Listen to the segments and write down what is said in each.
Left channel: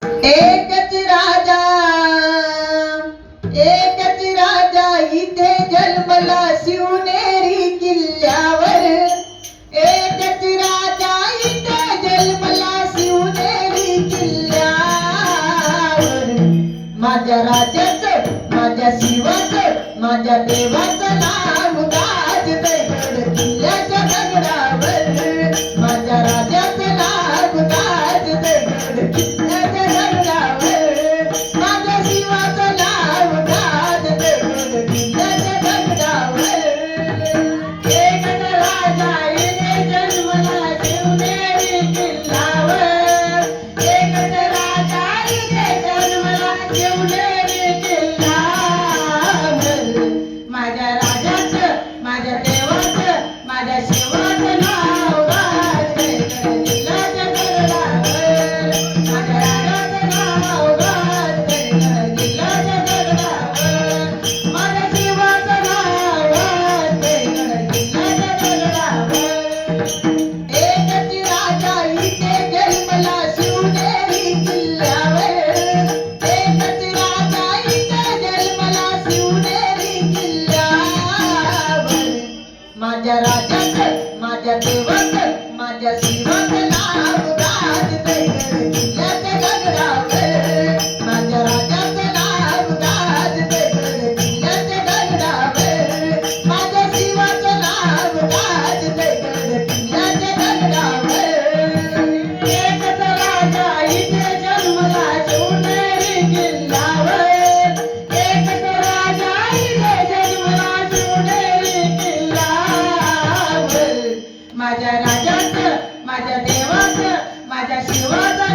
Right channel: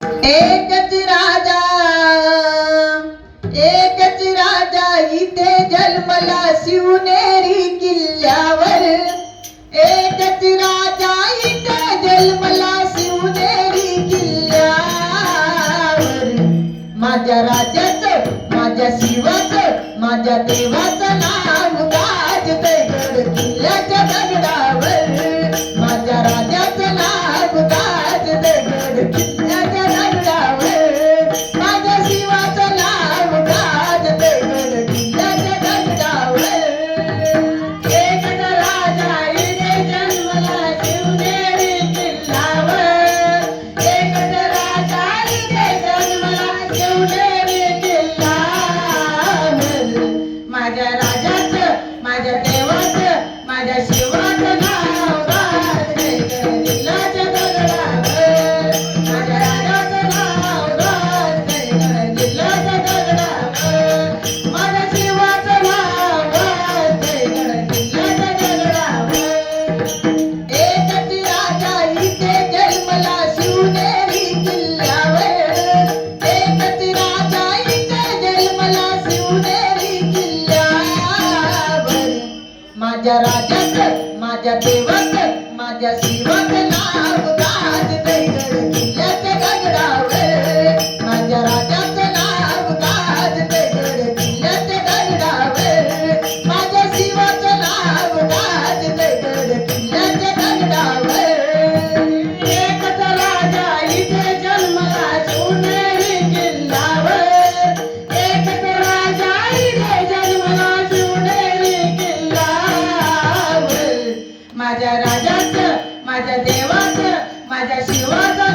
एकच राजा एकच राजा इथे जन्मला शिवनेरी किल्ल्यावर. शिवनेरी माझ्या राजाचं माझ्या शिवाचं माझ्या देवाचं माझ्या शिवाचं नाव गाते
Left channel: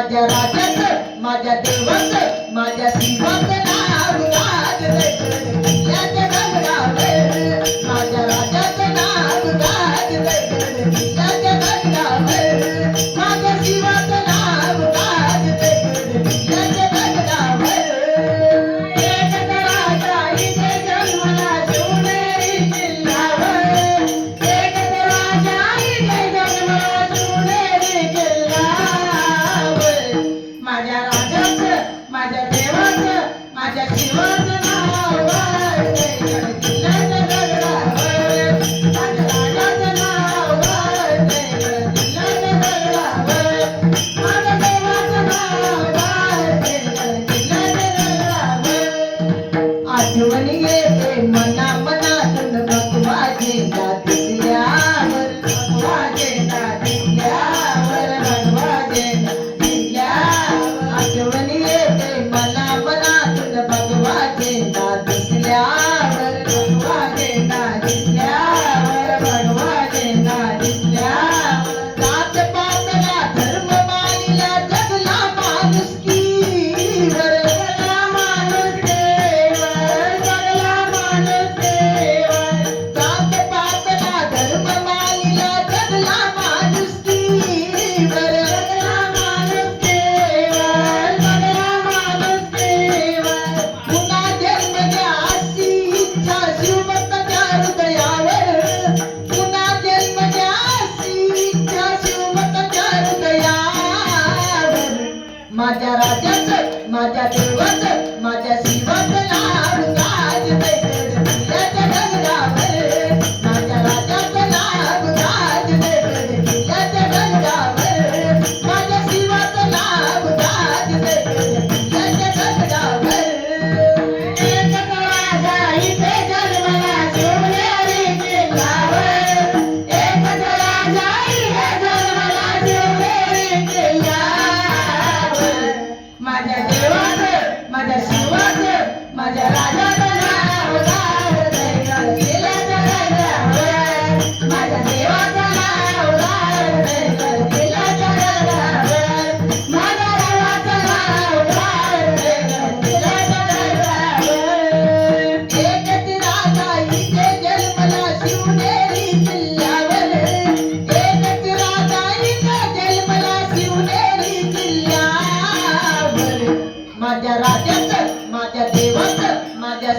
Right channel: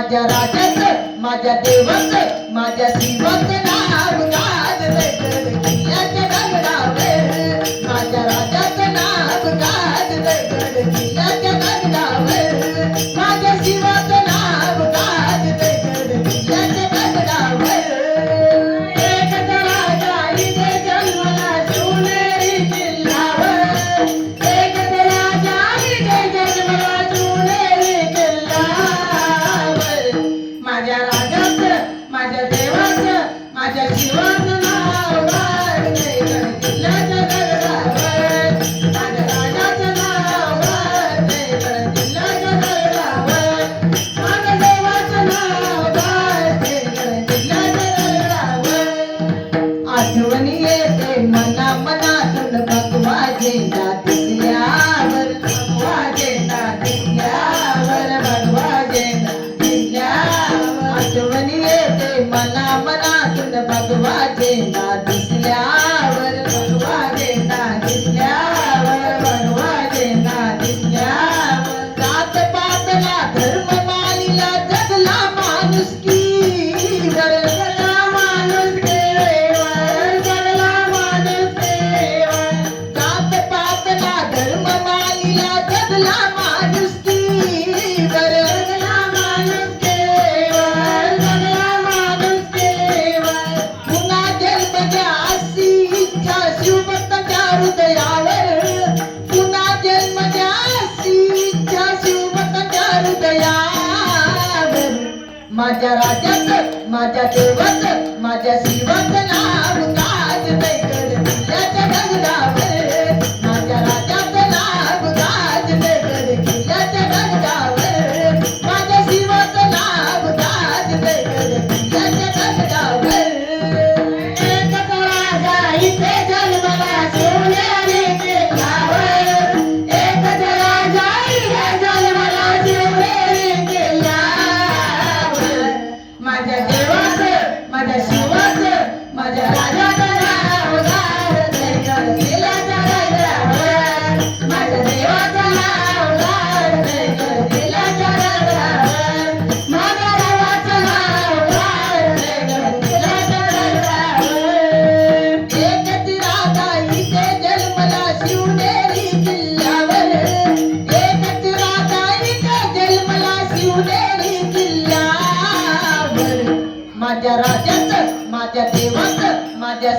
माझ्या राजाचं माझ्या देवाचं माझ्या जीवाचं. माझ्या राजाच माझ्या देवाच माझ्या शिवाच. माझ्या देवाचं माझ्या